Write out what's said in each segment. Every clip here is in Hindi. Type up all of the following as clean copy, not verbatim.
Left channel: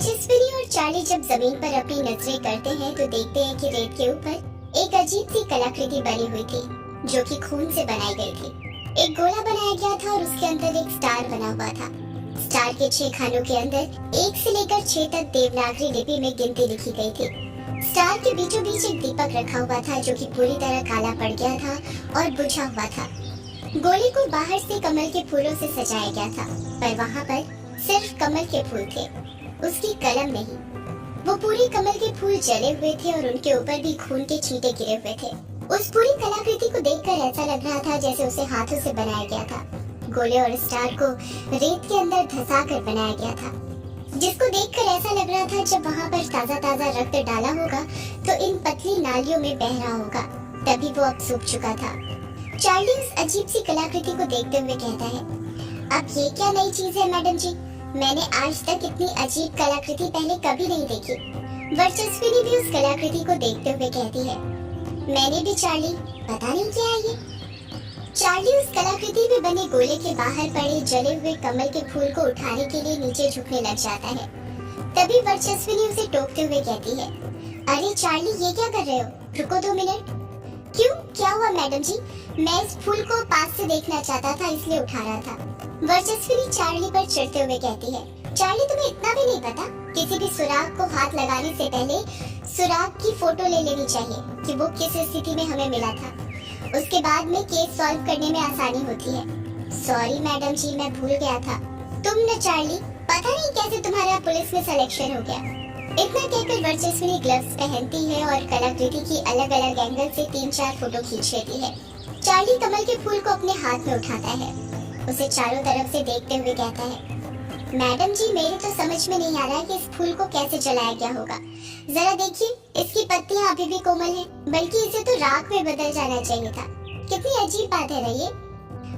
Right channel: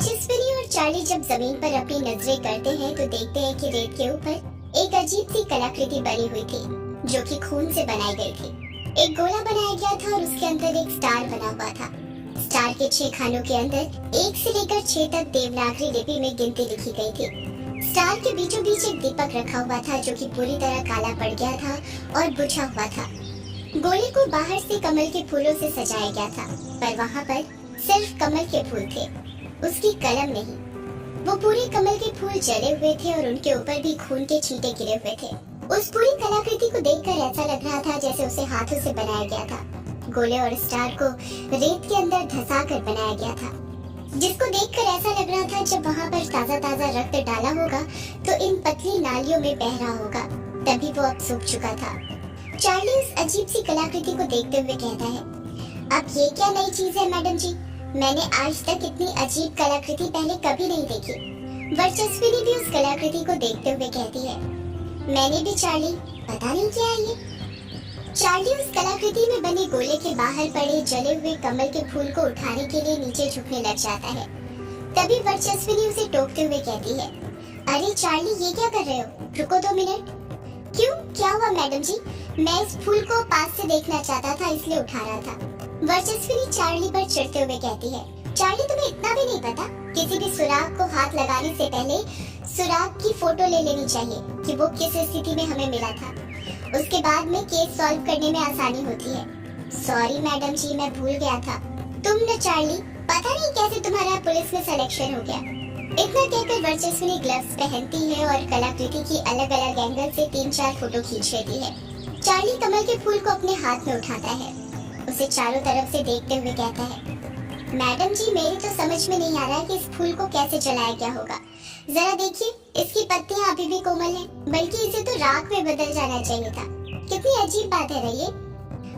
वर्चस्विनी और चार्ली जब जमीन पर अपनी नजरें करते हैं तो देखते हैं कि रेत के ऊपर एक अजीब सी कलाकृति बनी हुई थी जो कि खून से बनाई गई थी। एक गोला बनाया गया था और उसके अंदर एक स्टार बना हुआ था। स्टार के 6 खानों के अंदर 1 से लेकर 6 तक देवनागरी लिपि में गिनती लिखी गई थी। स्टार के बीचों बीच एक दीपक रखा हुआ था जो कि पूरी तरह काला पड़ गया था और बुझा हुआ था। गोले को बाहर से कमल के फूलों से सजाया गया था, पर वहाँ पर सिर्फ कमल के फूल थे, उसकी कलम नहीं। वो पूरे कमल के फूल जले हुए थे और उनके ऊपर भी खून के छींटे गिरे हुए थे। उस पूरी कलाकृति को देखकर ऐसा लग रहा था जैसे उसे हाथों से बनाया गया था। गोले और स्टार को रेत के अंदर धंसा कर बनाया गया था, जिसको देखकर ऐसा लग रहा था जब वहाँ पर ताजा ताजा रक्त डाला होगा तो इन पतली नालियों में बह रहा होगा, तभी वो अब सूख चुका था। चार्ली उस अजीब सी कलाकृति को देखते हुए कहता है, अब ये क्या नई चीज है मैडम जी? मैंने आज तक इतनी अजीब कलाकृति पहले कभी नहीं देखी। वर्चस्विनी भी उस कलाकृति को देखते हुए कहती है, मैंने भी चार्ली, पता नहीं क्या है ये। चार्ली उस कलाकृति में बने गोले के बाहर पड़े जले हुए कमल के फूल को उठाने के लिए नीचे झुकने लग जाता है। तभी वर्चस्विनी उसे टोकते हुए कहती है, अरे चार्ली, ये क्या कर रहे हो? रुको 2 मिनट। क्यों, क्या हुआ मैडम जी? मैं इस फूल को पास से देखना चाहता था, इसलिए उठा रहा था। वर्चस्विनी चार्ली पर चिढ़ते हुए कहती है, चार्ली, तुम्हें इतना भी नहीं पता? किसी भी सुराग को हाथ लगाने से पहले सुराग की फोटो ले लेनी चाहिए कि वो किस स्थिति में हमें मिला था। उसके बाद में केस सॉल्व करने में आसानी होती है। सॉरी मैडम जी, मैं भूल गया था। तुम न चार्ली, पता नहीं कैसे तुम्हारा पुलिस में सिलेक्शन हो गया। इतना कहकर वर्चस्विनी ग्लव्स पहनती है और कलाकृति की अलग अलग एंगल से 3-4 फोटो खींच लेती है। चार्ली कमल के फूल को अपने हाथ में उठाता है, उसे चारों तरफ से देखते हुए कहता है, मैडम जी, मेरे तो समझ में नहीं आ रहा है कि इस फूल को कैसे जलाया गया होगा। जरा देखिए, इसकी पत्तियां अभी भी कोमल हैं, बल्कि इसे तो राख में बदल जाना चाहिए था। कितनी अजीब बात है ये।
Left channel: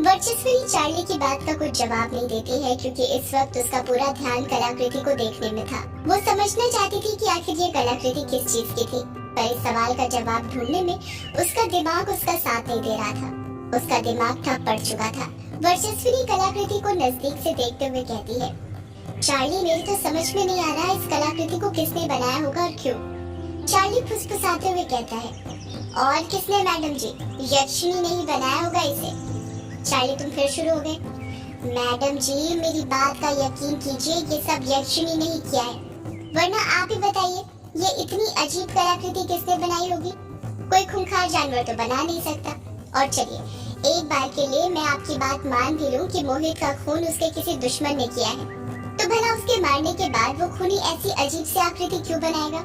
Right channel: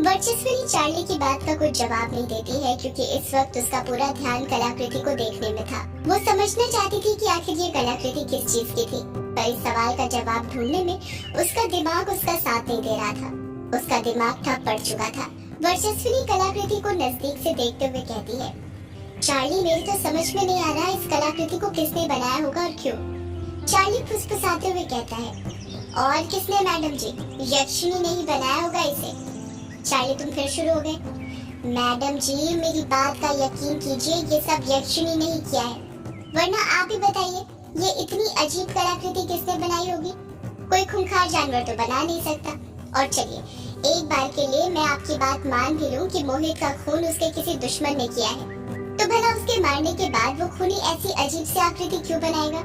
वर्चस्विनी चार्ली की बात का कुछ जवाब नहीं देती है क्योंकि इस वक्त उसका पूरा ध्यान कलाकृति को देखने में था। वो समझना चाहती थी कि आखिर ये कलाकृति किस चीज की थी, पर इस सवाल का जवाब ढूंढने में उसका दिमाग उसका साथ नहीं दे रहा था। उसका दिमाग ठप पड़ चुका था। वर्चस्विनी कलाकृति को नजदीक से देखते हुए कहती है, चार्ली, मेरी तो समझ में नहीं आ रहा इस कलाकृति को किसने बनाया होगा और क्यों। चार्ली फुसफुसाते हुए कहता है, और किसने मैडम जी? यक्षिणी ने ही बनाया होगा इसे। चार्ली, तुम फिर शुरू हो गए। मैडम जी, मेरी बात का यकीन कीजिए, ये सब यक्षिणी ने ही किया है, वरना आप ही बताइए, ये इतनी अजीब कलाकृति किसने बनाई होगी? कोई खूंखार जानवर तो बना नहीं सकता। और चलिए, एक बार के लिए मैं आपकी बात मान भी लूं कि मोहित का खून उसके किसी दुश्मन ने किया है, तो भला उसके मारने के बाद वो खूनी ऐसी अजीब सी आकृति क्यों बनाएगा?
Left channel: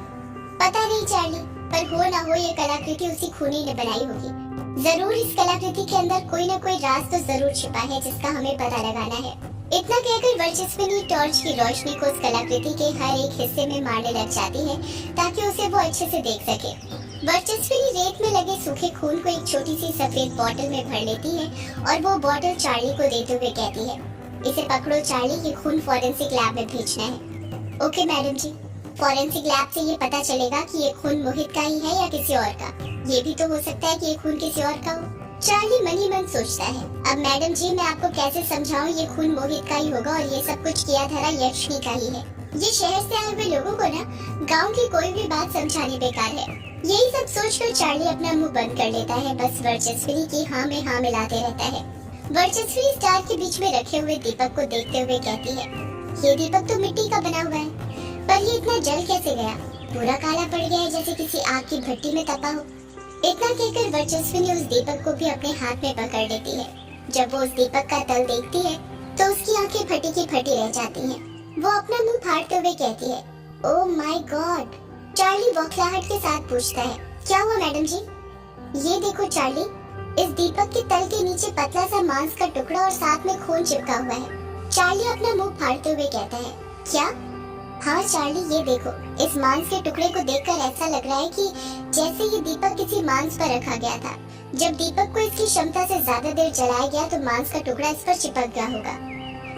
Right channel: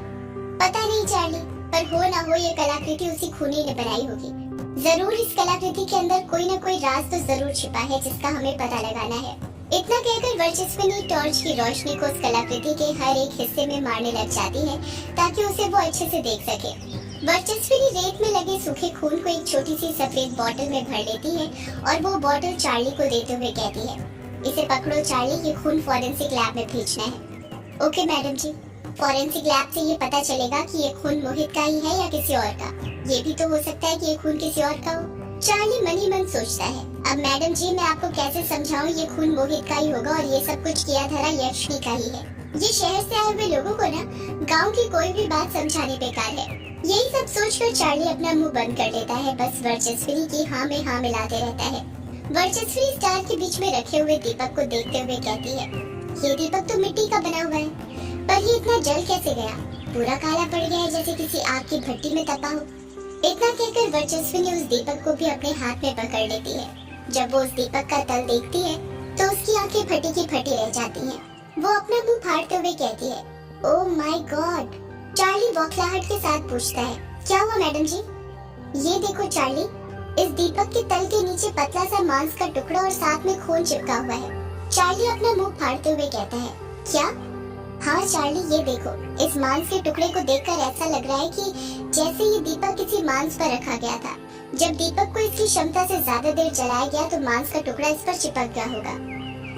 पता नहीं चार्ली, पर हो ना हो ये कलाकृति उसी खूनी ने बनाई होगी। जरूर इस कलाकृति के अंदर कोई ना कोई राज तो जरूर छिपा है जिसका हमें पता लगाना है। इतना कहकर वर्चस्विनी टॉर्च की रोशनी को उस कलाकृति के हर एक हिस्से में मारने लग जाती है ताकि उसे वो अच्छे से देख सके। वर्चस्विनी रेत में लगे सूखे खून को एक छोटी सी सफेद बोतल में भर लेती है और वो बोतल चार्ली को देते हुए कहती है, इसे पकड़ो चार्ली, ये खून फॉरेंसिक लैब में भेजना है। ओके मैडम जी, फॉरेंसिक लैब से ये पता चलेगा कि ये खून मोहित का ही है या किसी और का। ये भी तो हो सकता है कि ये खून किसी और का हो। चार्ली मन ही मन सोचता है, अब मैडम जी, मैं आपको कैसे समझाऊं, ये खून मोहित का ही होगा और ये सब कुछ किया धरा यक्षिणी का ही है। ये शहर से आए हुए लोगों को ना गाँव की कोई भी बात समझानी बेकार है। यही सब सोचकर चार्ली अपना मुंह बंद कर लेता है, बस वर्चस्विनी की हाँ में हाँ मिलाते रहता है। वर्चस्विनी स्टार के बीच में रखे हुए दीपक को देखते हुए कहती है, ये दीपक तो मिट्टी का बना हुआ है, पर ये इतना जल कैसे गया? पूरा काला पड़ गया है जैसे किसी आग की भट्टी में तपा हो। इतना कहकर वर्चस्विनी उस दीपक को भी अपने हाथ में पकड़ लेती है। जब वो उस दीपक का तल देखती है तो उसकी आंखें फटी की फटी रह जाती हैं। वो अपना मुंह फाड़ते हुए कहती है, ओह माय गॉड। चार्ली बौखलाहट के साथ पूछता है, क्या हुआ मैडम जी? ये देखो चार्ली, इस दीपक के तल के नीचे पतला सा मांस का टुकड़ा और साथ में खून चिपका हुआ है। चार्ली अपना मुंह फाड़ते हुए कहता है, क्या? हाँ चार्ली, ये देखो, इस मांस के टुकड़े को देखकर ऐसा लग रहा है कि जैसे ये दीपक किसी मांस पर रखा गया था। जब दीपक को इसकी क्षमता से ज्यादा देर जलाया गया तो मांस का टुकड़ा इस पर चिपक गया होगा।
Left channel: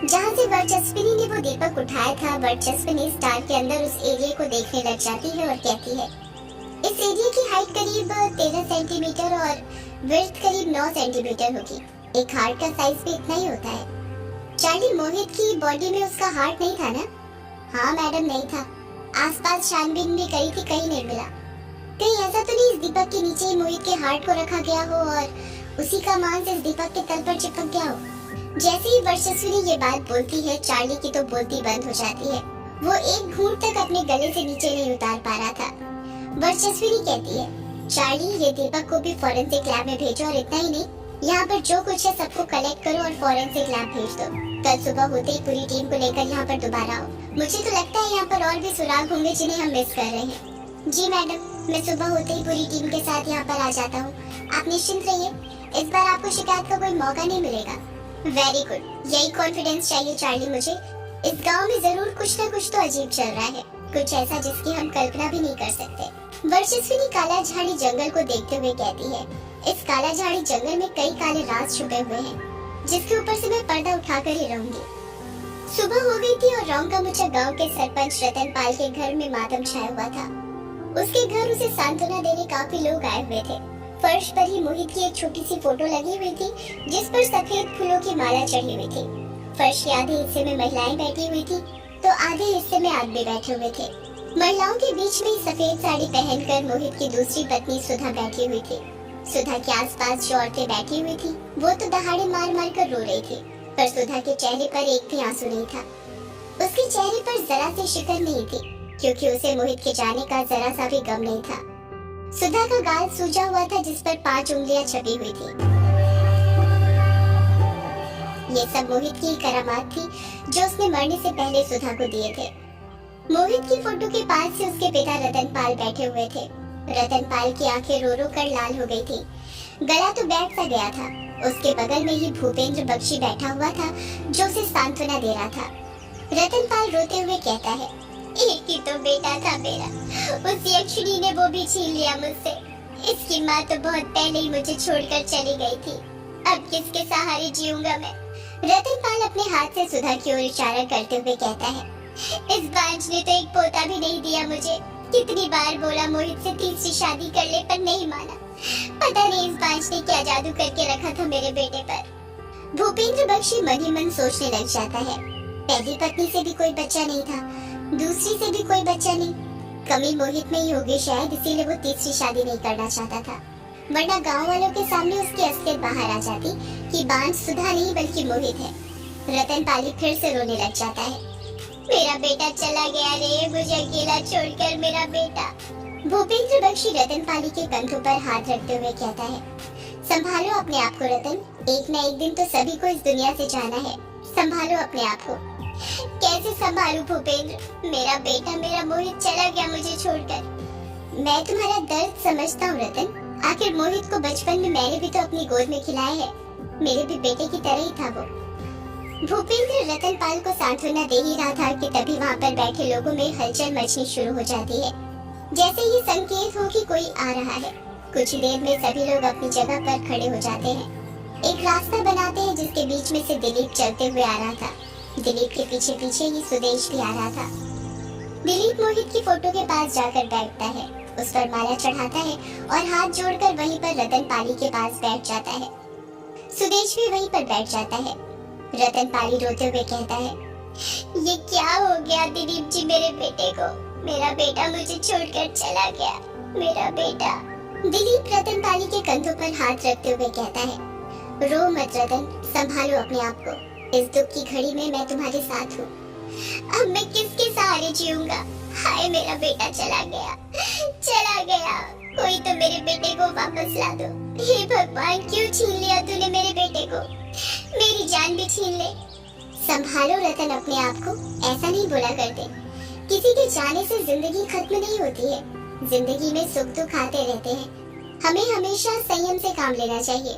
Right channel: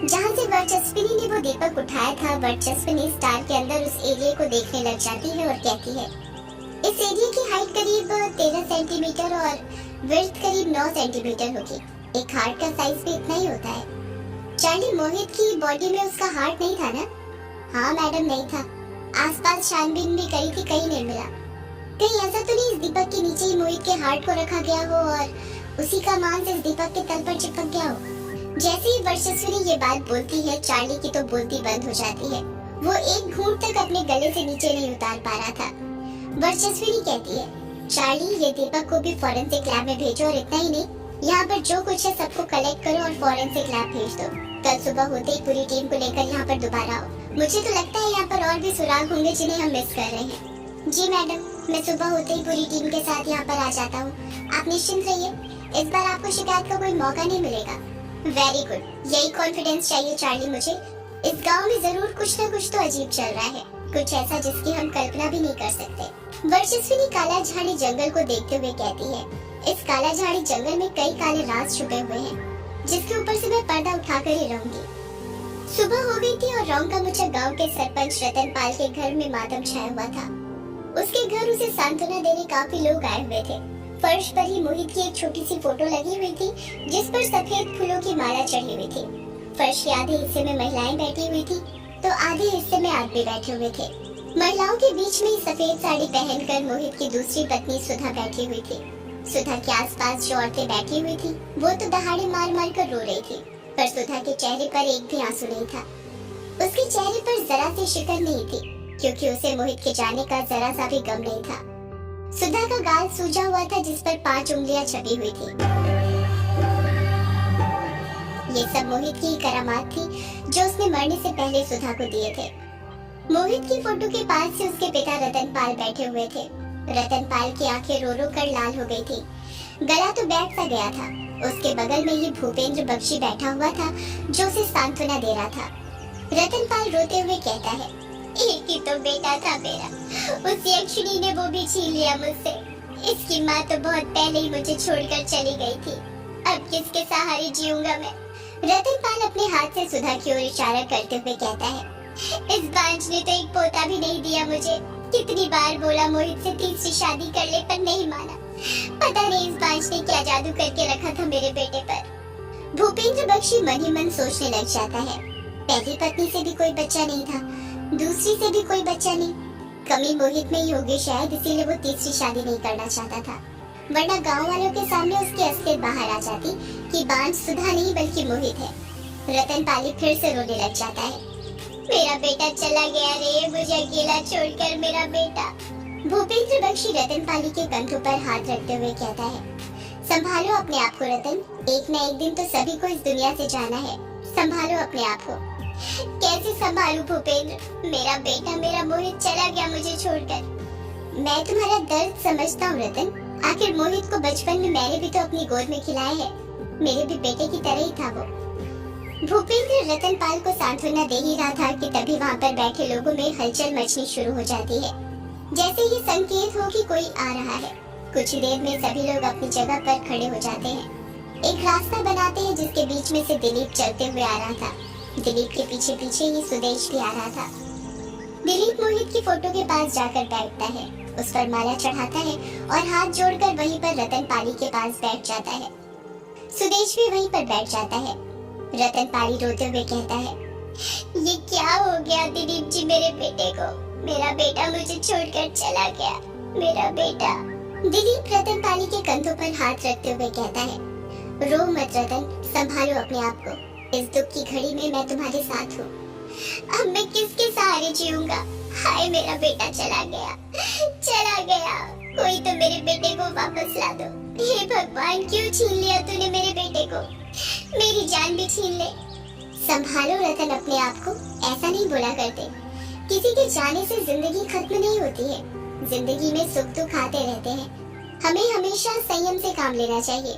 जहाँ से वर्चस्विनी ने वो दीपक उठाया था, वर्चस्विनी स्टार के अंदर उस एरिया को देखने लग जाती है और कहती है, इस एरिया की हाइट करीब 13 सेंटीमीटर और विड्थ करीब 9 सेंटीमीटर होगी। एक हार्ट का साइज भी इतना ही होता है। चार्ली, मोहित की बॉडी में उसका हार्ट नहीं था ना? हाँ मैडम, नहीं था। आसपास छानबीन भी करी थी, कहीं नहीं मिला। कहीं ऐसा तो नहीं इस दीपक के नीचे ही मोहित के हार्ट को रखा गया हो और उसी का मांस इस दीपक के तल पर चिपक गया हो। जैसे ही वर्चस्विनी ये बात बोलती है, चार्ली की तो बोलती बंद हो जाती है। वो एक घूंट तक अपने गले से नीचे नहीं उतार पा रहा था। वर्चस्विनी कहती है, चार्ली, ये दीपक को भी फॉरेंसिक लैब में भेजो, और इतना ही नहीं, यहाँ पर जो कुछ है सबको कलेक्ट करो और फॉरेंसिक लैब भेज दो। कल सुबह होते ही पूरी टीम को लेकर यहाँ पर दोबारा आओ। मुझे तो लगता है यहाँ पर और भी सुराग होंगे जिन्हें हम मिस कर रहे हैं। जी मैडम, मैं सुबह होते ही पूरी टीम के साथ यहाँ पर आ जाता हूँ। आप निश्चिंत रहिए, इस बार आपको शिकायत का कोई मौका नहीं मिलेगा। वेरी गुड, यही कॉन्फिडेंस चाहिए चार्ली मुझे। इस गांव में जरूर कुछ न कुछ तो अजीब चल रहा है, कुछ ऐसा जिसकी हम कल्पना भी नहीं कर सकते। वर्चस्विनी काला झाड़ी जंगल को देखते हुए कहती है, इस काला झाड़ी जंगल में कई काले राज छुपे हुए हैं, जिसके ऊपर से मैं पर्दा उठाकर ही रहूंगी। सुबह हो गई थी और रौंग का मुच्चा गांव के सरपंच रतन पाल के घर में मातम छाया हुआ था। उसके घर उसे सांत्वना देने काफी लोग आए हुए थे। फर्श पर ही मोहित की एक छोटी सी फोटो लगी हुई थी, जिस पर सफेद फूलों की माला चढ़ी हुई थी। फर्श के आधे हिस्से में महिलाएं बैठी हुई थी, तो आधे हिस्से में आदमी बैठे हुए थे। महिलाओं के बीच में सफेद साड़ी पहनकर मोहित की दूसरी पत्नी सुधा बैठी हुई थी। सुधा के आसपास जो औरतें बैठी हुई थी, वो तो दहाड़े मार मार कर रो रही थी, पर सुधा के चेहरे पर एक भी आंसू नहीं था। उसके चेहरे पर जरा सी शिकन नहीं थी, क्योंकि उसे मोहित के जाने का जरा सा भी गम नहीं था। सुधा का गाल सूजा हुआ था, जिस पर 5 उंगलियां छपी हुई थी। ये सब मोहित की करामात थी, जो उसने मरने से पहले सुधा को दिए थे। मोहित की फोटो के पास से उसके पिता रतन पाल बैठे हुए थे। रतन पाल की आंखें रो रो कर लाल हो गई थी, गला तो बैठ सा गया था। उसके बगल में ही भूपेंद्र बख्शी बैठा हुआ था, जो उसे सांत्वना दे रहा था। रतन पाल रोते हुए कहता है, एक ही तो बेटा था मेरा, उस यक्षिणी ने वो भी छीन लिया मुझसे। इसकी माँ तो बहुत पहले ही मुझे छोड़कर चली गई थी, अब किसके सहारे जीऊंगा मैं। रतन पाल अपने हाथ से सुधा की ओर इशारा करते हुए कहता है, इस बांझ ने तो एक पोता भी नहीं दिया मुझे। कितनी बार बोला मोहित से तीसरी शादी कर ले, पर नहीं माना। पता नहीं इस बांझ ने क्या जादू करके रखा था मेरे बेटे पर। भूपेंद्र बख्शी मन ही मन सोचने लग जाता है, पहली पत्नी से भी कोई बच्चा नहीं था, दूसरी से भी कोई बच्चा नहीं। कमी मोहित में ही होगी शायद, इसीलिए वो तीसरी शादी नहीं करना चाहता था, वरना गांव वालों के सामने उसकी असलियत बाहर आ जाती कि बांझ सुधा नहीं बल्कि मोहित है। रतन पाली फिर से रोने लग जाता है, मेरा बेटा चला गया रे, मुझे अकेला छोड़कर मेरा बेटा। भूपेंद्र बख्शी रतन पाली के कंधों पर हाथ रखते हुए कहता है, संभालो अपने आप को रतन, एक न एक दिन तो सभी को इस दुनिया से जाना है, संभालो अपने आप को। कैसे संभालूं भूपेंद्र, मेरा बेटा मेरा मोहित चला गया मुझे छोड़कर। मैं तुम्हारा दर्द समझता हूँ रतन, आखिर मोहित को बचपन में मैंने भी तो अपनी गोद में खिलाया है, मेरे भी बेटे की तरह ही था वो। भूपेंद्र रतन पाल को सांत्वना दे ही रहा था कि तभी वहाँ पर बैठे लोगों में हलचल मचनी शुरू हो जाती है, जैसे ये संकेत हो कि कोई आ रहा है। कुछ ही देर में सभी लोग अपनी जगह पर खड़े हो जाते हैं। एक रास्ता बनाते हैं जिसके बीच में से दिलीप चलते हुए आ रहा था। दिलीप के पीछे पीछे ही सुदेश भी आ रहा था। दिलीप मोहित की फोटो के पास जाकर बैठता है, उस पर माला चढ़ाता है और हाथ जोड़कर वहीं पर रतन पाली के पास बैठ जाता है। सुदेश भी वहीं पर बैठ जाता है। रतन पाली रोते हुए कहता है, ये क्या हो गया दिलीप जी मेरे बेटे को, मेरा बेटा मुझे छोड़कर चला गया, मेरा बेटा। दिलीप रतन पाली के कंधों पर हाथ रखते हुए कहता है, रो मत रतन, संभालो अपने आप को, इस दुख की घड़ी में मैं तुम्हारे साथ हूँ। अब मैं किसके सहारे जीऊंगा, हाय मेरा बेटा चला गया, चला गया, कोई तो मेरे बेटे को वापस ला दो। हे भगवान, क्यों छीन लिया तूने मेरे बेटे को, मेरी जान भी छीन ले। संभालो रतन अपने आप को, ऐसा नहीं बोला करते, किसी के जाने से जिंदगी खत्म नहीं होती है, जिंदगी में सुख दुख आते रहते हैं, हमें हमेशा संयम से काम लेना चाहिए।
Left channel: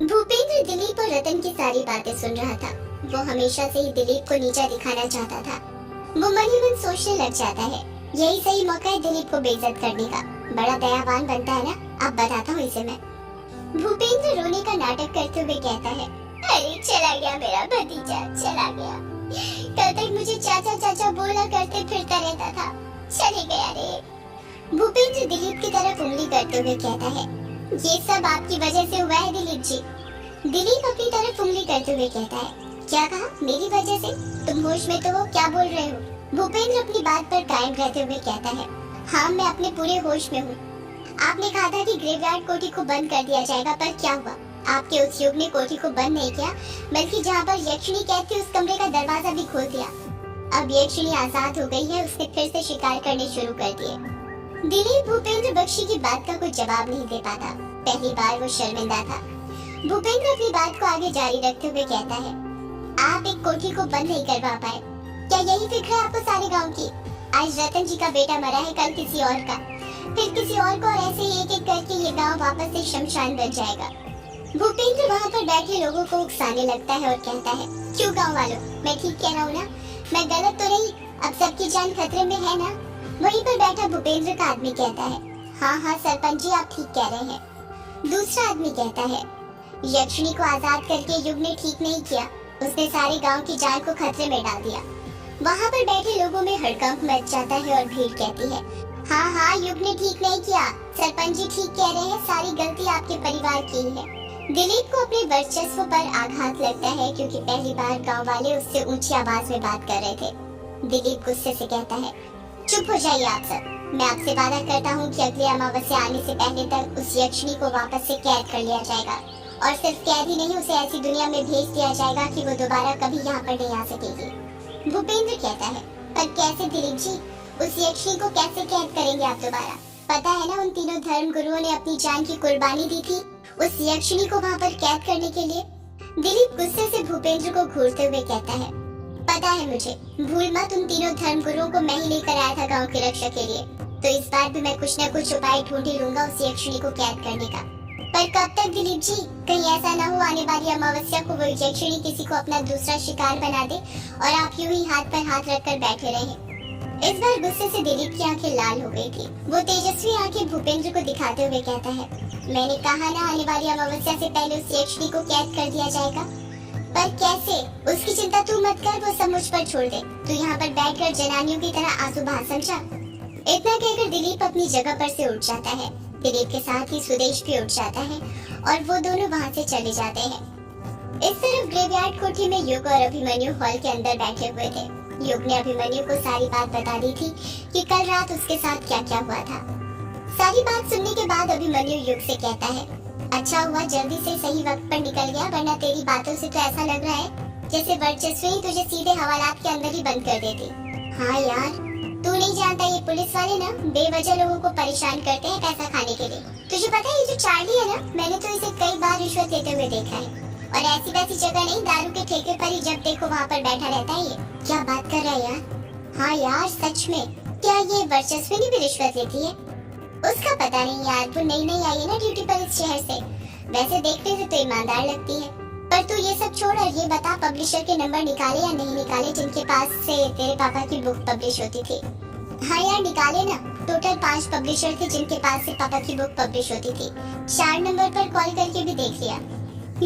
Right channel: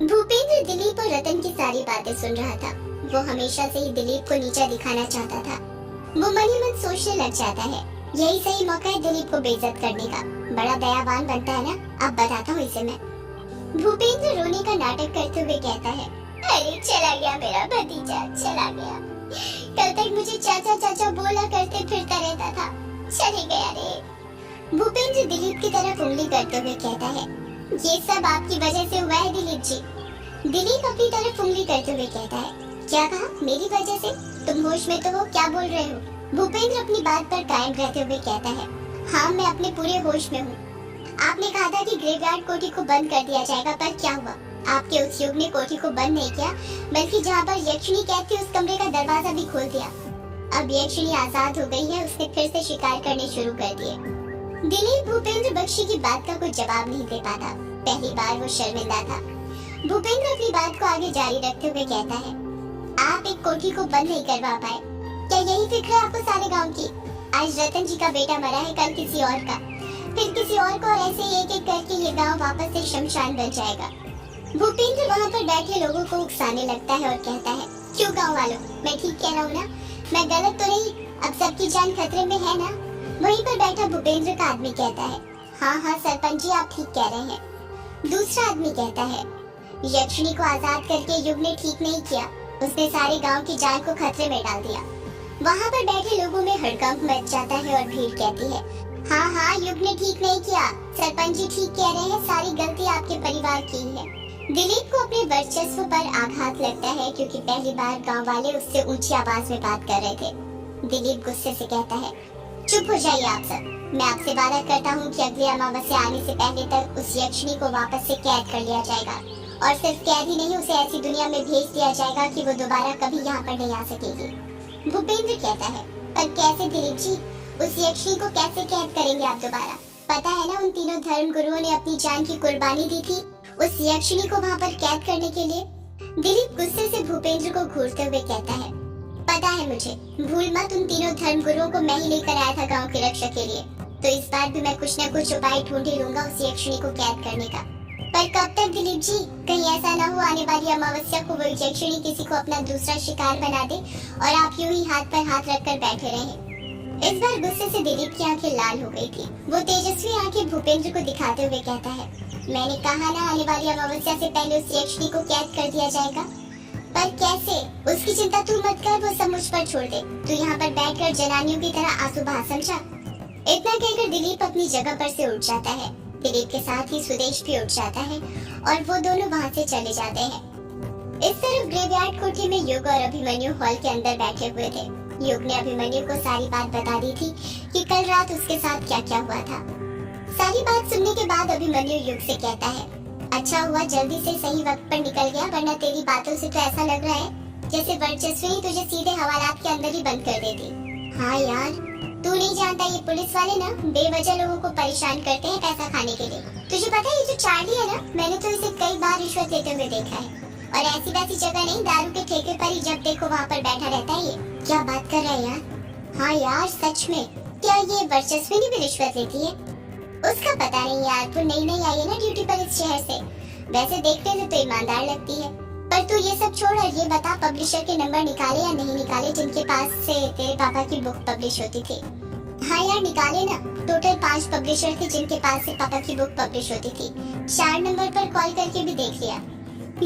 भूपेंद्र दिलीप और रतन की सारी बातें सुन रहा था। वो हमेशा से ही दिलीप को नीचा दिखाना चाहता था। वो मन ही मन सोचने लग जाता है, यही सही मौका है दिलीप को बेइज्जत करने का, बड़ा दयावान बनता है ना, अब बताता हूँ इसे मैं। भूपेंद्र रोने का नाटक करते हुए कहता है, अरे चला गया मेरा भतीजा, चला गया, कल तक मुझे चाचा चाचा बोला करते फिरता रहता था, चले गया रे। भूपेंद्र दिलीप की तरफ उंगली करते हुए कहता है, ये सब आपकी वजह से हुआ है दिलीप जी। दिलीप अपनी तरफ उंगली करते हुए कहता है, क्या कहा, मेरी वजह से? तुम होश में तो हो, क्या बोल रहे हो? भूपेंद्र अपनी बात पर कायम रहते हुए कहता है, हाँ मैं अपने पूरे होश में हूँ। आपने कहा था कि ग्रेवयार्ड कोठी को बंद कर दिया जाएगा, पर क्या हुआ? आपके उस युग ने कोठी को बंद नहीं किया, बल्कि जहाँ पर यक्षिणी कैद थी उस कमरे का दरवाजा भी खोल दिया। अब यक्षिणी आजाद हो गई है, उसने फिर से शिकार करने शुरू कर दिए। दिलीप भूपेंद्र बख्शी की बात का कोई जवाब नहीं दे पाता। पहली बार वो शर्मिंदा था। भूपेंद्र अपनी बात को आगे जारी रखते हुए कहता है, आप एक कोठी को बंद नहीं करवा पाए, क्या यही फिक्र है आपको सारे गांव की? आज रतन जी का बेटा मरा है, कल किसी और का, फिर किसी और को, और ऐसे ही एक एक करके ये गांव वापस से शमशान बन जाएगा। भूपेंद्र वहाँ पर बैठे लोगों को उकसाने लगता है और कहता है, क्यों गांव वालों, मैं ठीक कह रहा हूँ ना? मैं गलत तो नहीं? अब सबकी जान खतरे में है ना? वहीं पर बैठा भूपेंद्र का आदमी कहता है, हाँ हाँ सरपंच जी, आप ठीक कह रहे हैं। दूसरा आदमी कहता है, यक्षिणी को आजाद करके युग ने ठीक नहीं किया, उसने सारे गांव की जान को खतरे में डाल दिया। वहाँ पर बैठे लोगों में हड़कंप मच जाता है और भीड़ कहती है, हाँ हाँ युग ने ठीक नहीं किया, सरपंच जी ठीक कह रहे हैं, सारी गलती आपके परिवार की ही है। दिलीप को अपने वर्चस्व पर आघात लगता है, क्योंकि पहली बार गांव वाले उससे ऊंची आवाज में बात कर रहे थे। दिलीप गुस्से से कहता है, चुप हो जाइए आप सब। मैं आपसे वादा करता हूँ कि अगले अमावस्या आने से पहले तक उस यक्षिणी को वापस से कैद कर लिया जाएगा, और सिर्फ कैद ही नहीं, उसे ऐसी दुनिया में भेज दिया जाएगा कि वो दोबारा कभी यहाँ पर नहीं आ सकेगी। भूपेंद्र कहता है, पर कैसे दिलीप जी? उस यक्षिणी को कैसे कैद करेंगे आप दोबारा? पता है ना, उन तीनों धर्म गुरुओं ने अपनी जान की कुर्बानी दी थी उस यक्षिणी को वहाँ पर कैद करने के लिए। दिलीप गुस्से से भूपेंद्र को घूरते हुए कहता है, पता है मुझे, भूल मत, उन तीनों धर्म गुरुओं को मैं ही लेकर आया था गांव की रक्षा के लिए, तो इस बार भी मैं कुछ न कुछ उपाय ढूंढ ही लूंगा उस यक्षिणी को कैद करने का। पर कब तक दिलीप जी? कहीं ऐसा ना हो आने वाली अमावस्या को वो यक्षिणी किसी को अपना दूसरा शिकार बना दे और आप यूं ही हाथ पर हाथ रखकर बैठे रहे। इस बार गुस्से से दिलीप की आंखें लाल हो गई थी। वो तेजस्वी आंखें भूपेंद्र को दिखाते हुए कहता है, मैंने कहा ना, आने वाली अमावस्या से पहले उस यक्षिणी को कैद कर दिया जाएगा। पर कैसे? उसकी चिंता तू मत कर, वो सब मुझ पर छोड़ दे। तू यहाँ पर बैठकर जनानियों की तरह आंसू बहा, समझा? इतना कहकर दिलीप अपनी जगह पर से उठ जाता है। दिलीप के साथ ही सुदेश भी उठ जाता है और वो दोनों वहाँ से चले जाते हैं। इस तरफ ग्रेवयार्ड कोठी में युग और अभिमन्यु हॉल के अंदर बैठे हुए थे। युग ने अभिमन्यु को सारी बात बता दी थी कि कल रात उसके साथ क्या क्या हुआ था। सारी बात सुनने के बाद अभिमन्यु युग से कहता है, अच्छा हुआ जल्दी से सही वक्त पर निकल गया, वरना तेरी बातों से तो ऐसा लग रहा है जैसे वर्चस्वी तुझे सीधे हवालात के अंदर ही बंद कर देती। हाँ यार, तू नहीं जानता, ये पुलिस वाले ना बेवजह लोगों को परेशान करते हैं पैसा खाने के लिए। तुझे पता है ये जो चार्ली है ना, मैंने तो इसे कई बार रिश्वत लेते हुए देखा है, और ऐसी वैसी जगह नहीं, दारू के ठेके पर ही जब देखो वहाँ पर बैठा रहता है ये। क्या बात कर रहा है यार? हाँ यार सच में, क्या ये वर्चस्वी भी रिश्वत लेती है? उसका पता नहीं यार, वो नई नई आई है ना ड्यूटी पर इस शहर से, वैसे देखने से तो ईमानदार लगती है। पर तू ये सब छोड़ और ये बता, पब्लिशर के नंबर निकाले या नहीं निकाले जिनके पास से तेरे पापा की बुक पब्लिश होती थी? हाँ यार निकाले ना, टोटल 5 पब्लिशर थे जिनके पास से पापा की बुक पब्लिश होती थी। 4 नंबर पर कॉल करके भी देख लिया।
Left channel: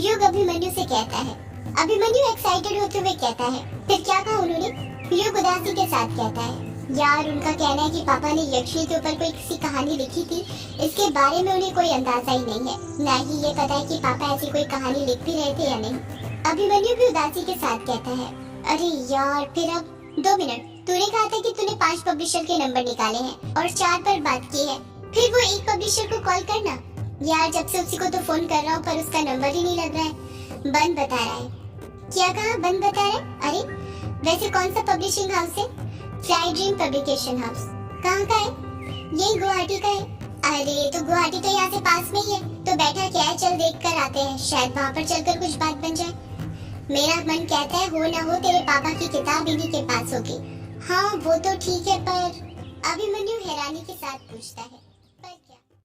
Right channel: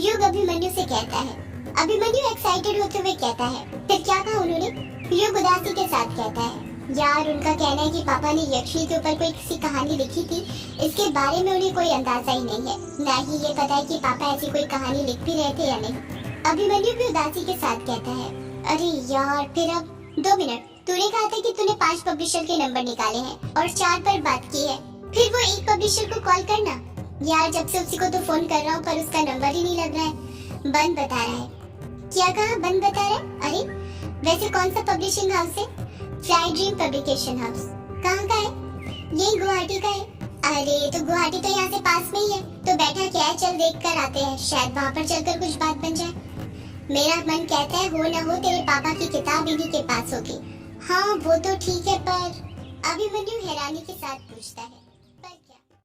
युग अभिमन्यु से कहता है। अभिमन्यु एक्साइटेड होते हुए कहता है, फिर क्या कहा उन्होंने? युग उदासी के साथ कहता है, यार उनका कहना है कि पापा ने यक्षिणी के ऊपर कोई किसी कहानी लिखी थी, इसके बारे में उन्हें कोई अंदाजा ही नहीं है, ना ही ये पता है कि पापा ऐसी कोई कहानी लिख भी रहे थे या नहीं। अभिमन्यु भी उदासी के साथ कहता है, अरे यार फिर अब 2 मिनट, तूने कहा था कि तूने 5 पब्लिशर के नंबर निकाले हैं और 4 पर बात की है, फिर वो एक पब्लिशर को कॉल करना। यार जब से उसी को तो फोन कर रहा हूँ पर उसका नंबर ही नहीं लग रहा है, बंद बता रहा है। क्या कहा? बंद बता रहा है? अरे वैसे कौन सा पब्लिशिंग हाउस है? Fly dream publication house. कहाँ का है? यही गुवाहाटी का है। अरे तो गुवाहाटी तो यहाँ से पास में ही है, तो बैठा क्या है, चल देख कर आते हैं, शायद वहाँ पर चलकर कुछ बात बन जाए। मेरा मन कहता है हो ना हो तेरे पापा की किताब इन्हीं के पास होगी। हाँ वो तो ठीक है, पर अभिमन्यु हैरानी के साथ पूछता है।